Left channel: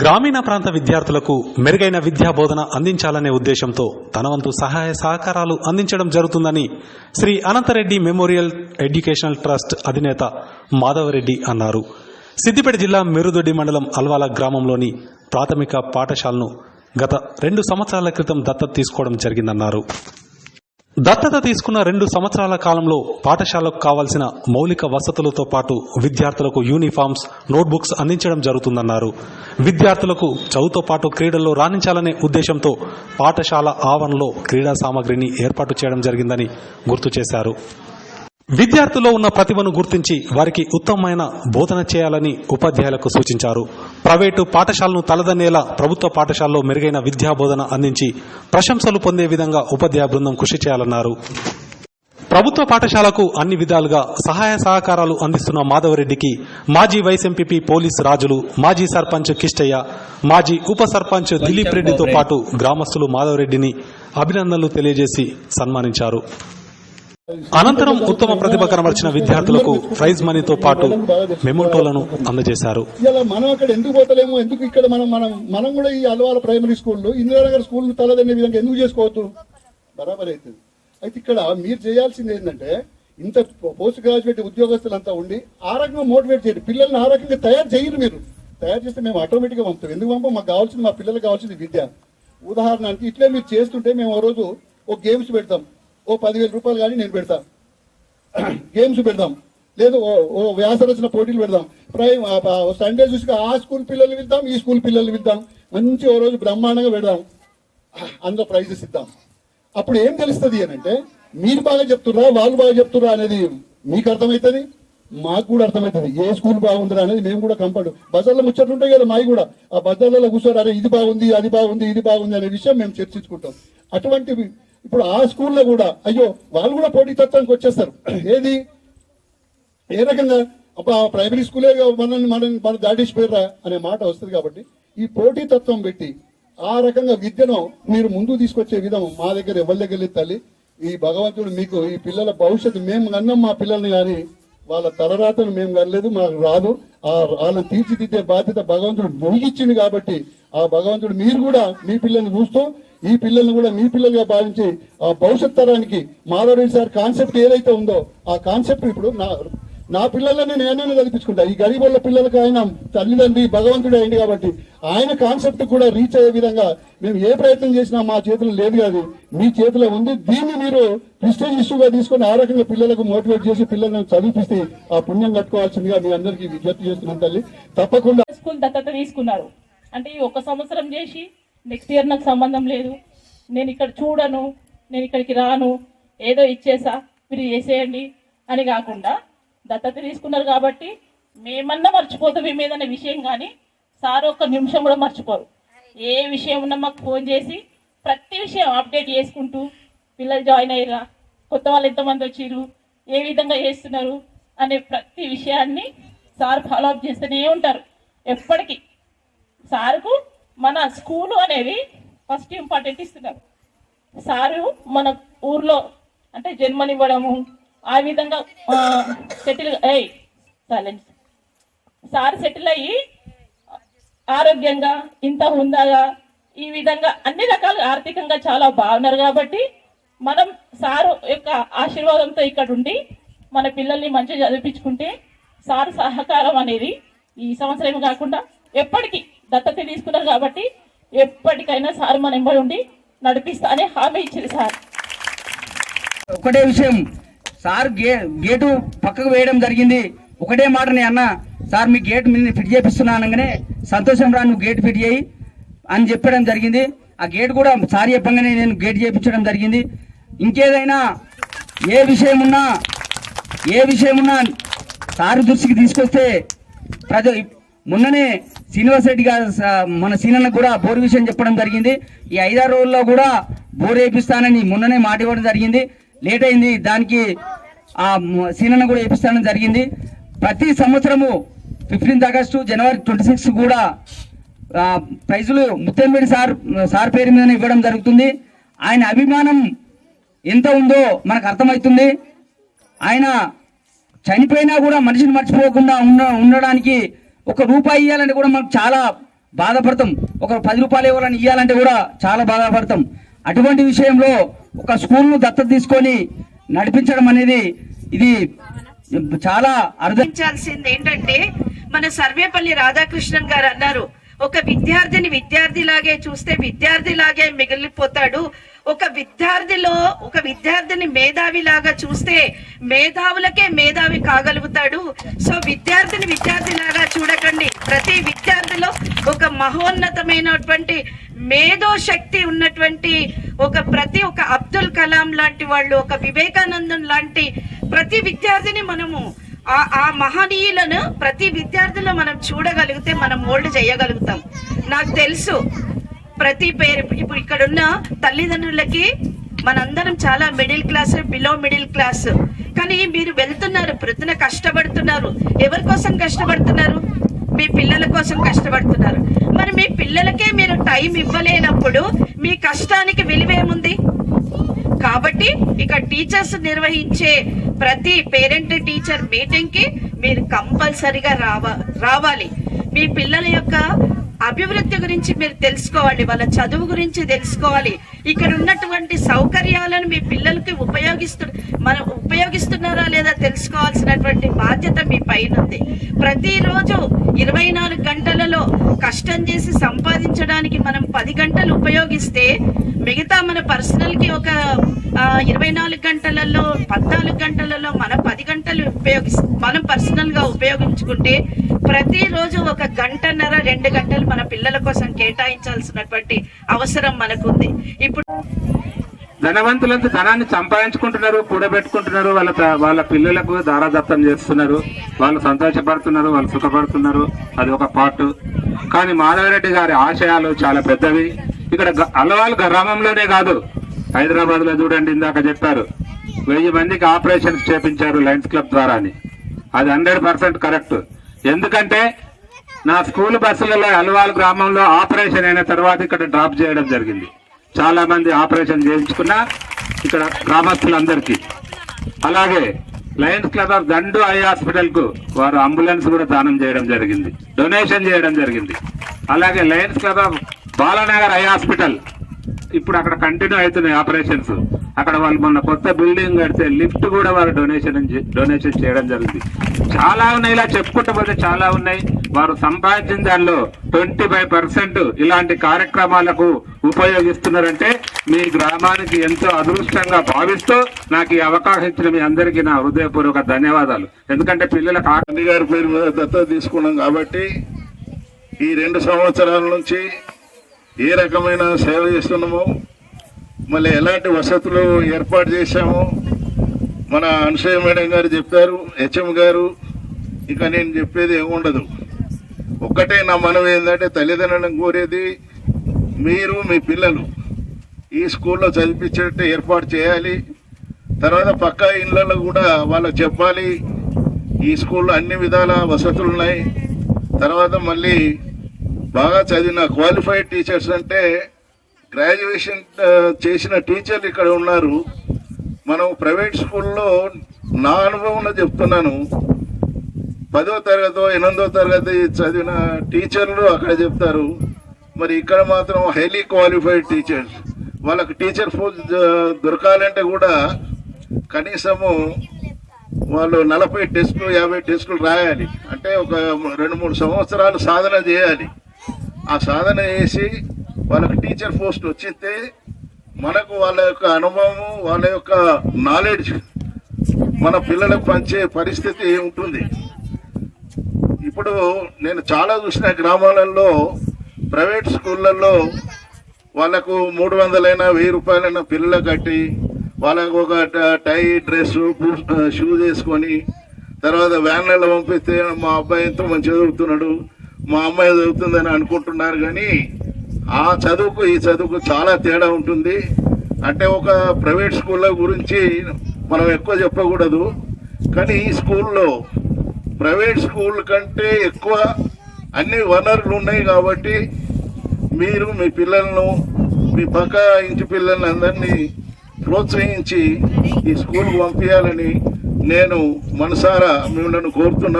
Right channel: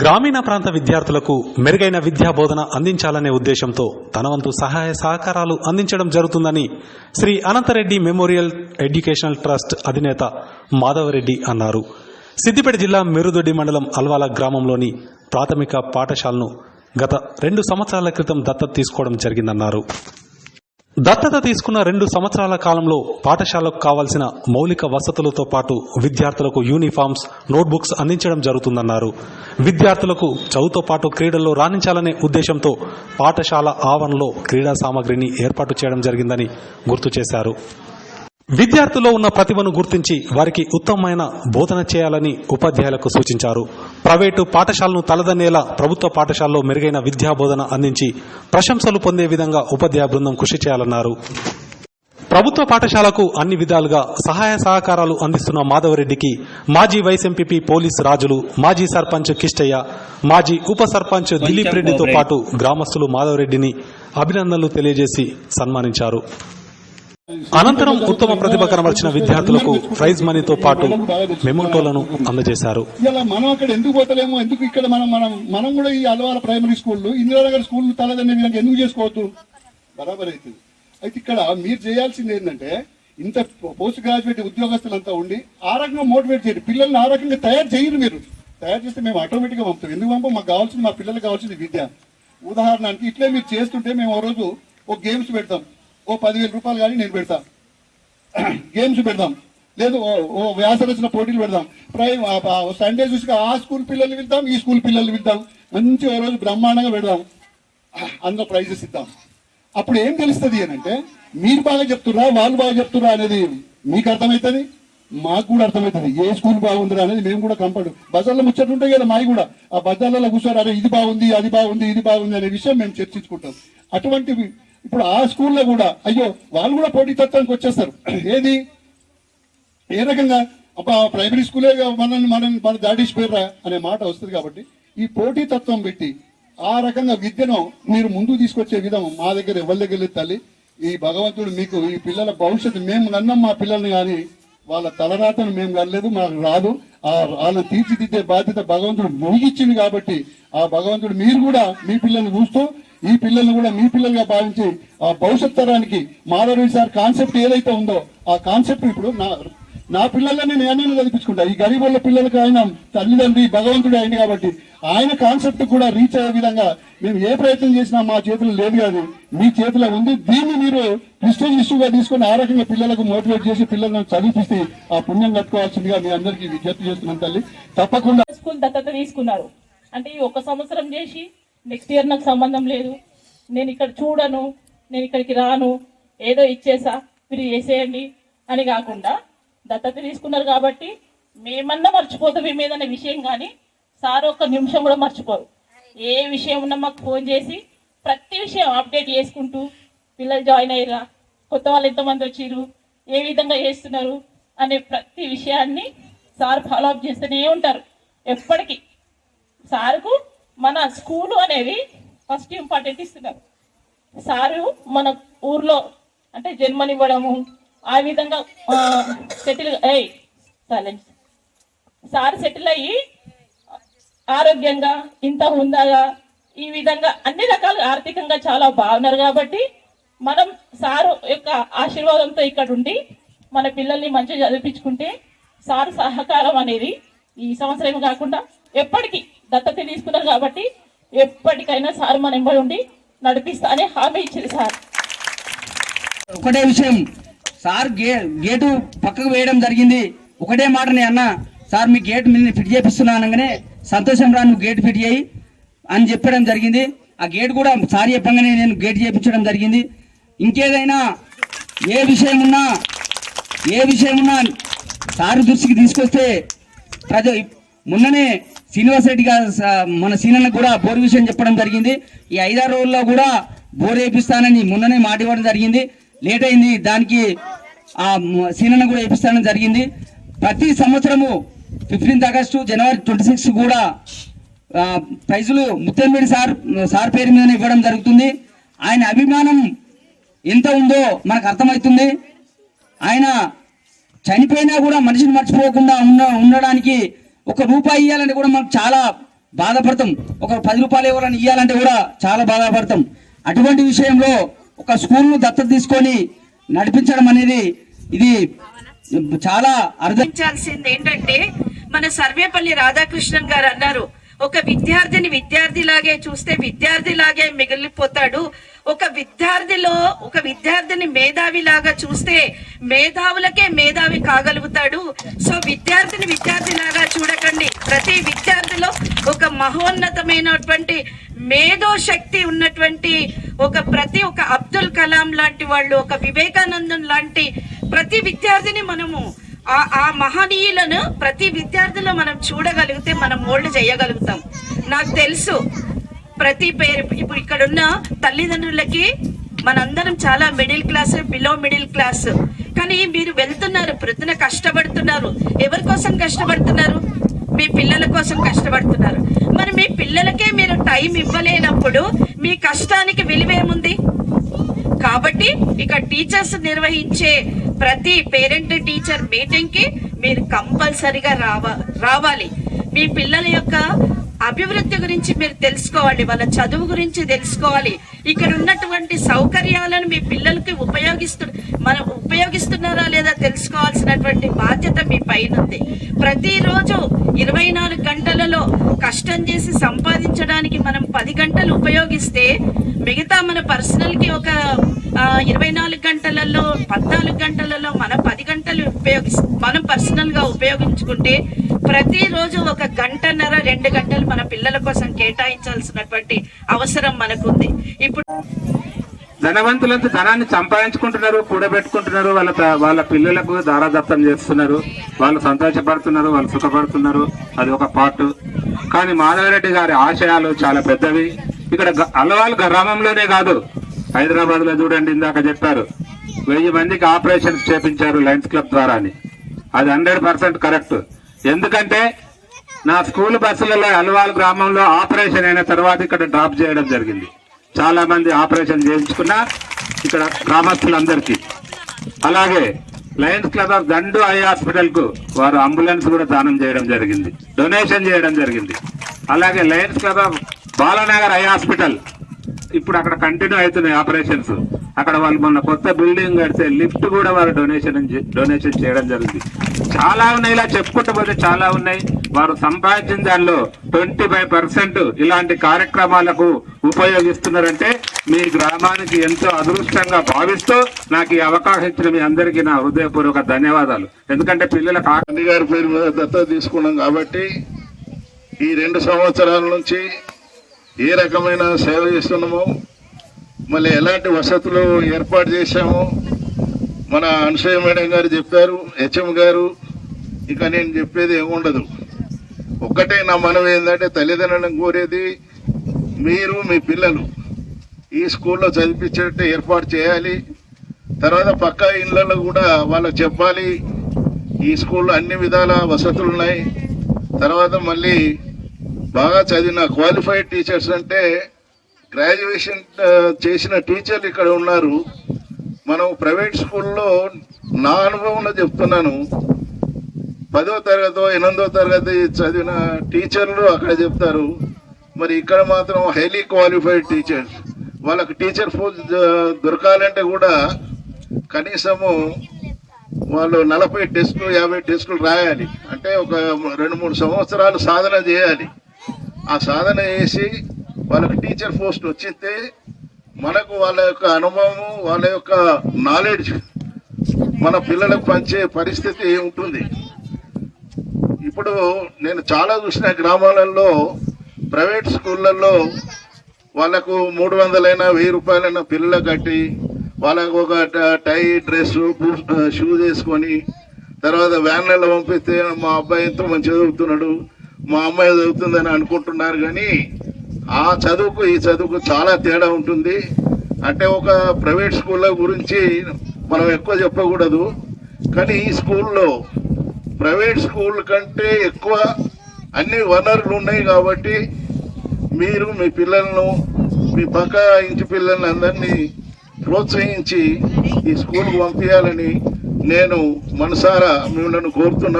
గ్రామీణ ప్రాంత విద్యార్థులకు మెరుగైన విద్యా బోధన అందించాలనే ఉద్దేశంతో తన వంతు సహాయ సహకారాలు అందించడం జరుగుతుందని Shri Anantha Reddy memorial educational trust అధినేత మాధవరెడ్డి అన్నారు. సిద్దిపేట జిల్లా మెరుదొడ్డి మండలం అల్వాల గ్రామంలోని ప్రాథమిక పాఠశాలను గత 2 సంవత్సరాల క్రితం దత్తత తీసుకోవడం జరిగిందన్నారు. దత్తత తీసుకున్న 2 సంవత్సరాల కాలంలో పాఠశాలకు కావాల్సిన మౌలిక వసతులతో పాటు విద్యార్థులకు యూనిఫామ్స్, నోట్బుక్స్ అందించడం జరుగుతుందన్నారు. విద్యార్థులకు చదువుతో పాటు క్రీడల్లో రాణించాలనే ఉద్దేశంతో పాఠశాల ఆవరణలో క్రీడా సామగ్రిని ఏర్పాటు చేయడం జరిగిందని గుర్తు చేశారు. విద్యార్థుల్లో ఉన్న ప్రతిభను గుర్తించి వారికి ఉత్తమమైన బోధన చేయాలని ఉపాధ్యాయులకు సూచించారు. ప్రైవేటు పాఠశాలను తలదన్నేలా ప్రభుత్వ పాఠశాలలో మెరుగైన విద్యా బోధన అందించి ప్రశంసలు పొందే విధంగా ఉపాధ్యాయ బృందం కృషి చేయాలన్నారు. ప్రభుత్వ పాఠశాలకు అన్ని విధాలుగా సహాయ సహకారాలు అందిస్తున్న మాధవరెడ్డికి మాజీ వైస్ ఎంపీపీ పోలీస్ రాజులు, మాజీ సర్పంచ్ కిష్టయ్య, మాజీ ఉప సర్పంచ్ దిలీప్ రెడ్డితో పాటు గ్రామస్తులు మాధవరెడ్డిని అభినందనలు తెలియజేసి సన్మానించారు. అనంతరం ఉత్తమ ప్రతిభ కనబర్చిన విద్యార్థులకు ప్రైజ్ మనీతో పాటు మెమోటోలను అందజేశారు. మనం అక్కడ ఎందుకు పోతలేము, ఎందుకు ఇక్కడ మనం కూడా ఈ Alwal primary school, Indiranagar school తలదన్నే విధంగా ఎందుకు చేసుకోవద్దు? బరాబర్ అవుతుంది. అయితే ఇక్కడ మీరు చేయాల్సింది ఏంటంటే, ఇంత పోస్ట్ గ్రాడ్యుయేట్ ఉద్యోగస్తులంతా ఉండి ఆ రకంగా మోటివేట్ చేయండి. పిల్లల్ని ఆ రకంగా తయారు చేయండి. మీరు తయారు చేస్తే మేము ఆటోమేటిక్గా పంపుతాం. ఎందుకు పంపం? మాకు కావాల్సింది, మా పిల్లలకు కావాల్సింది విద్య. ఉదాహరణకి ఇట్లే మీరు చేస్తుంటే మేము ఓ రోజు ఒక గేమ్స్ పెడతాం. ఓ 10,000 రూపాయలు కానీ నేను పెడతా, గేమ్స్ పెడదాం. లేదు ఓ వ్యాసరచన పోటీలు పెడదాం. సండే చూసి ఆ స్కూల్ పిల్లల్ని వెళ్తాం, ఈ స్కూల్ పిల్లల్ని వెళ్తాం. మంచి ఓ రోజు బ్రహ్మాండంగా పెడదాం, అందులో ప్రైజెస్ ఇద్దాం. అప్పుడు ఏం తెలుస్తుంది అని అంటే, మీరు బాగా చెప్తున్నా వాళ్ళు బాగా చెప్తున్నా అనేది మీకు అర్థమవుతుంది, మాకు కూడా అర్థమవుతుంది. ఏ స్కూల్ బాగుందిరా అనేది మేము కూడా కంపల్ట్ బజార్లో ముచ్చట్లు ఉంటాయి కదా మావి కూడా. ఆ బజార్లలో కూర్చోరా, ఇది బాగుంది, అది బాగుంది, ఇది బాగుంది అనే విషయం మేము చర్చించుకుంటాం. అటువంటివి ఇప్పుడు ఆ స్కూల్లో కూడా అయ్యో వాళ్ళు కూడా పోటీ తత్వానికి వచ్చేస్తారు. ఏది ఏ రకంగా అబ్బా ప్రైమరీ స్కూలే మనం దాటిసిపోయారా అనే మాట వస్తుంది. కాబట్టి ఈ పోటీ తత్వం పెట్టి ఆ రకంగా విద్యను మీరు ముందుకు తీసుకొచ్చే విధం మా దగ్గర ఎవరి దగ్గర లేదు తల్లి. ఈ భగవంతుడు మీకు ఈ పిల్లల భవిష్యత్తు మేము నన్నాం, మా పిల్లల్ని కానీ వాళ్ళ తలరాతను మేము కనలేదు, మాకు రాదు. వాళ్ళని తీర్చిదిద్దే బాధ్యత భగవంతుడు ముగిచ్చింది. కాబట్టి ఆ భగవంతుడు మీరు కూడా మీ పిల్లల్ని చూస్తూ ఈ పిల్లల్ని కూడా మీ పిల్లలుగా భావించి ఆ భవిష్యత్ తరానికి మాధవరెడ్డి సార్ కాన్సెప్ట్ ఏదైతే ఉందో ఆ కాన్సెప్ట్ ఇప్పుడు నా పిల్లలని నేనే చదివించుకుంటా. ఈ గరీబ్ వాళ్ళ పిల్లలకి ఆయన తల్లిదండ్రి భగవంతుడు అయింది. కాబట్టి ఆయన కాన్సెప్ట్ కూడా రీచ్ అయ్యే విధంగా మేము ఏ ప్రయత్నం చేసినా మా చేతులు లేదు కాదు, మీ చేతిలో ఉంది. దీన్ని మీరు ప్రిస్టేజ్ ఇష్యూగా తీసుకొని ఆ రకంగా పిల్లలకు మోటివేట్ చేసి పిల్లలను చదివిస్తే ఆ పుణ్యం కట్టుకోవాల్సిందిగా మీ అందరికీ విజ్ఞప్తి చేస్తున్నాం తల్లి. తప్పకుండా స్కూల్ దత్తత తీసుకున్నారు అంటే ఈ 1 సంవత్సరం చేసి నెక్స్ట్ ఇయర్ నాకు సంబంధం లేదు, నేను ఇక్కడ చూడను, నేను ఇక్కడికి రాను, ఏదో ఇచ్చేసా మీరు చేసేయండి అని కాకుండా దత్తత తీసుకున్నారు. కాబట్టి మేమన్నా మర్చిపోతాం ఏమేదనే విషయం, కానీ సార్ 1 నిమిషం కూడా మర్చిపోరు. ఏ విషయం ఉన్నా మాకు ఫోన్ చేసి ప్రతి విషయం అప్డేట్ చేసుకుంటూ పిల్లలు జాయిన్ అయ్యారా, కొత్త వాళ్ళు ఎంతమంది వచ్చిర్రు, ఏ విధంగా చేస్తున్నారు అనే ప్రతి విషయాన్ని సార్ ఫాలో అప్ చేస్తూనే ఉంటారు ఎప్పటికీ. సార్కు మన స్కూలు అనేది ఫస్ట్ ఇంపార్టెంట్ ఇస్తున్నారు. సారు మన ఊర్లో అంటే జన్మనివ్వడము, ఆ విధంగా సార్ సెటిల్ అయ్యి ఆరోగ్యంగా ఇంత హుందాగా ఈ విధంగా అన్ని రకాలుగా ఆర్థికంగా చాలా బాగున్నారు. కాబట్టి మనం సారు యొక్క ఆశీర్వాదంతో ఇక్కడ ఉండి మన పిల్లల్ని మంచిగా చదివించుకుంటే సార్ సహకారం అనేది ఈ సంవత్సరం కాకుండా ఎప్పటికీ దత్తత తీసుకున్నారు. కాబట్టి ఎప్పటికైనా సార్ మన ఎంబడి ఉండి నడిపిస్తానే హామీ ఇచ్చింది సార్. ఒకటే విషయం, సార్ గేటు పక్కకు వేయడం జరిగింది. ఒకటే మాట నేను అన్న, సార్ మీ గేట్ మీద ఫిట్ చేపిస్తున్నా అనగానే సంతోషం రా, నువ్వు గేట్ ఫిట్ చేయి అని చెప్పడం జరిగింది. ఆ గేట్ కూడా సార్ చెప్పంగానే నేను గేట్ చేయించడం జరిగింది. ఇంకేదైనా ఏ విషయం ఉన్నా సార్ దృష్టికి తీసుకొస్తే మొన్ననే శ్రీనివాస్ రెడ్డి గారు మన సీనన్న కూడా బోర్ విషయం చెప్పడం జరిగింది. ఈ 5-6 రోజుల్లో కూడా బోర్ వేపిస్తానని మొన్ననే మాట ఇవ్వడం జరిగింది. లేట్ అయింది, దానికి ఆ సీనన్న కూడా వేపిస్తానని జరిగింది. ప్రతి సంవత్సరము 15 ఆగస్టు, జనవరి 26 కూడా ప్రైజులు ముత్తెంబేడి సార్ పేరు మీద ఇవ్వడం జరుగుతుంది. ఆయన అభిమానం ఎంత ఉందో మనకు అర్థమవుతుంది. ఆయన చనిపోయినా కూడా మనిషిని మర్చిపోకుండా ఉండడానికి 1 రూపాయి ఇవ్వాలంటే కూడా మనకు చాలా బాధపడతాం. ఒక 10 రూపాయలు ఎవరైనా ఇవ్వాలంటే కూడా చాలా బాధపడతాం. అటువంటి విషయంలో ఒక స్కూల్ను దత్తత తీసుకొని నడిపించడం అనేది ఇది చాలా అర్థించాల్సింది ఏంటంటే, మన సర్వేపల్లి రాధాకృష్ణన్ గారు అన్నారు, ఒక విద్యార్థిని విద్యార్థిలాగే చూస్తే విద్యార్థిలాగే మిగిలిపోతాడు, ఒక విద్యార్థిని మేధావిలాగా చూస్తే మేధావులకే మేధావి కాగలుగుతాడు. సో విద్యార్థిని విద్యార్థిలాగా చూడకండి. ప్రతి విద్యార్థిలో ఒక మహోన్నతమైనటువంటి మేధో శక్తి ఉన్నటువంటి ఒక అబ్దుల్ కలాం లాంటి వాళ్ళు, ఒక వివేకానందం లాంటి ప్రతి విద్యార్థిని మనము ఆ మహనీయులను ప్రతి విద్యార్థిలో మనం చూడగలిగితే మనం మోల్డ్ చేయగలుగుతాం. నాకు తెలుసు ప్రతి పేరు ఇప్పుడు ఇక్కడున్న తల్లిదండ్రులకి మనందరం చాలా middle class, below middle class, కానీ మీరు వెళ్తున్నారు, ప్రొద్దున కష్టపడుతున్నారు. ఎవరి కోసం కష్టపడుతున్నారు? మీ పిల్లల కోసం కష్టపడుతున్నారు. మరి మీ పిల్లలకే మీరు టైం ఇవ్వలేనప్పుడు మీ కష్టానికి విలువేముంది? కాబట్టి ఇక టీచర్స్ నిర్వహించే ప్రతి పేరెంట్ టీచర్ మీటింగ్ కి మీరు కంపల్సరిగా రావాలి. మీ పిల్లల యొక్క అభివృద్ధి గురించి మీరు తెలుసుకోవాలి, వాళ్ళ చదువు గురించి తెలుసుకోవాలి. ఇక్కడ ఉన్నటువంటి సౌకర్యాలను మీ పిల్లలకి ఉపయోగిస్తున్నారా లేదా తెలుసుకోవాల్సినటువంటి బాధ్యత మీ పైన ఉంది. ప్రతిరోజు 24 గంటలలో కష్టం చేసి సంపాదించడానికి మనం 10 గంటలు ఉపయోగిస్తే, మిగతా మన పర్సనల్ కి ఒక 24 గంటలలో 14 గంటలలో మనం 10 గంటలు మనం పర్సనల్ గా ఉపయోగించుకుంటే, ప్రతిరోజు 1 గంటన్నర 2 గంటలు మన పిల్లల కోసం కేటాయించాల్సినటువంటి అవసరం మనకుంది. ఇప్పుడు ధనవంతులంతా ధనాన్ని సంపాదించుకుంటున్నారు, కూడబెట్టుకుంటున్నారు, వాళ్ళ పిల్లలకు దారాదత్తం చేస్తున్నారు, వాళ్ళు సంతోషపడుతున్నారు, వాళ్ళు సుఖపడుతున్నారు, అది ఒక పార్ట్. కానీ మాధవరెడ్డి గారి ఆశయాలు చాలా పెద్దవి. ఇక్కడ అలవాలు గ్రామంలోనే కాదు, హైదరాబాద్ లో చూడండి, ఇందాక చెప్పారు 1000 మందికి ఆపరేషన్స్ చేపించారు లయన్స్ క్లబ్ ద్వారా అని. అది 100% కరెక్ట్. ఎందుకంటే నా స్కూల్ బస్సులలో అలవాల్ గ్రామంలో ఆపరేషన్ అయిన తర్వాత ఇక్కడ డ్రాప్ చేయడం జరిగింది. చాలా మంది ఆపరేషన్ చేయించుకున్న ఇక్కడ గ్రామస్తులందరికీ. అలాగే Lions club of Dandu eye hospital కు వారు అంబులెన్స్ కూడా దానం చేయడం జరిగింది, డొనేషన్ చేయడం జరిగింది. అలాగే Lions club of Balanagar eye hospital ఇప్పుడు అక్కడ కంటిన్యూ అవుతున్నాయి ఆపరేషన్స్. అక్కడ వాళ్ళు మొన్న కొత్త బిల్డింగ్ కడితే లిఫ్ట్ కూడా వారు డొనేషన్ చేయడం జరుగుతుంది. చాలా ఉన్నాయి, ఇలా చెప్పుకుంటూ పోతే చాలా ఉన్నాయి. వారు సంపాదించిన దానిలో 25% ఇలాంటి కార్యక్రమాలకు ఉపయోగిస్తున్నారంటే మీ గ్రామానికి ఎంతో అదృష్టంగా భావిస్తూ నాకు ఈ అవకాశం ఇచ్చిన మీ అందరికీ నా హృదయపూర్వక ధన్యవాదాలు. ఎందుకంటే పిల్లలకు గాంధీ గారి పేరు మీద దత్తత తీసుకున్నాం కాబట్టి ఈ 2 సంవత్సరాల నుంచి ఏ రకమైన సేవ చేస్తున్నామో, మళ్ళీ ఎలాంటి వసతులు ఏర్పాటు చేశామో మన అనసూయ మేడం గారు చెప్పారు, హెచ్ఎం గారు. ఇక నేను చెప్పేది ఏముండదు. ఒక్కటే నా మనవి ఏంటంటే, తల్లిదండ్రులను కోరేది మీరు మీ పిల్లలు ఈ స్కూల్లో చదివించేట్టు ఏర్పాటు చేయాలి. తర్వాత పక్క ఇళ్ళల్లో కూడా వాళ్ళకి చెప్పాలి ఈ స్కూల్లో అన్ని విధాల వసతులు ఉన్నాయి. తర్వాత మళ్ళీ బాగా చదివిన క్వాలిఫైడ్ టీచర్స్ అంటే గ్రాడ్యుయేషన్ చేసిన టీచర్లు ఇక్కడ ఉన్నారు. మనం ప్రైవేట్ స్కూల్లో నా అనుభవంలో చెప్తున్నాను, 10వ తరగతి 8వ తరగతి చదివిన టీచర్లు అక్కడ చెప్తారు. మరి ఇక్కడ మాత్రం హైలీ క్వాలిఫైడ్ టీచర్స్, వాళ్ళకి టీచర్ పోస్ట్ దొరకాలంటే కూడా కనీసము వాళ్ళు 40 టెస్టులు 50 టెస్టులు రాయాలి. అంటే ఒక 2-3 సంవత్సరాలు సాధన చేయాలి. ఆ సాధన చేసి వాళ్ళకి టీచర్ పోస్ట్ వచ్చితే మనకు వాళ్ళ యొక్క అనుభవం, వాళ్ళ యొక్క నాలెడ్జ్ మన పిల్లలకు పంచే పరిస్థితి ఉంటుంది. ఇప్పుడు నేను చాలా చూసిన గ్రామాలలో ప్రైవేట్ స్కూళ్ళల్లో వాళ్ళకు 300 1000 రూపాయలైనా పిల్లలు కట్టి వాళ్ళకు ఒక టై డ్రెస్ షూస్ వేసుకొని తర్వాత వ్యాన్లలో పంపిస్తే మా అబ్బాయి ఎంతో మంచి చదువుతున్నాడు, మా అమ్మాయి చదువుతుందని అనుకుంటున్నారు. కానీ ఆ చదువుకు ఈ చదువుకు చాలా తేడా ఉంటుంది. అంటే ఒక ప్రైవేట్ స్కూళ్ళ గురించి మనం ఎక్కువ చెప్పకూడదు, కానీ ఈ స్కూల్లో ప్రైవేట్ స్కూల్ కంటే ఎక్కువ అన్ని వనరులు ఉన్నాయి. కాబట్టి మీరు మీ పిల్లలను, మీ పక్క ఇంటి పిల్లల్ని అందరినీ ప్రోత్సహించి ఈ స్కూల్కి పంపించాలని నేను మనసారా మిమ్మల్ని కోరుతున్నాను.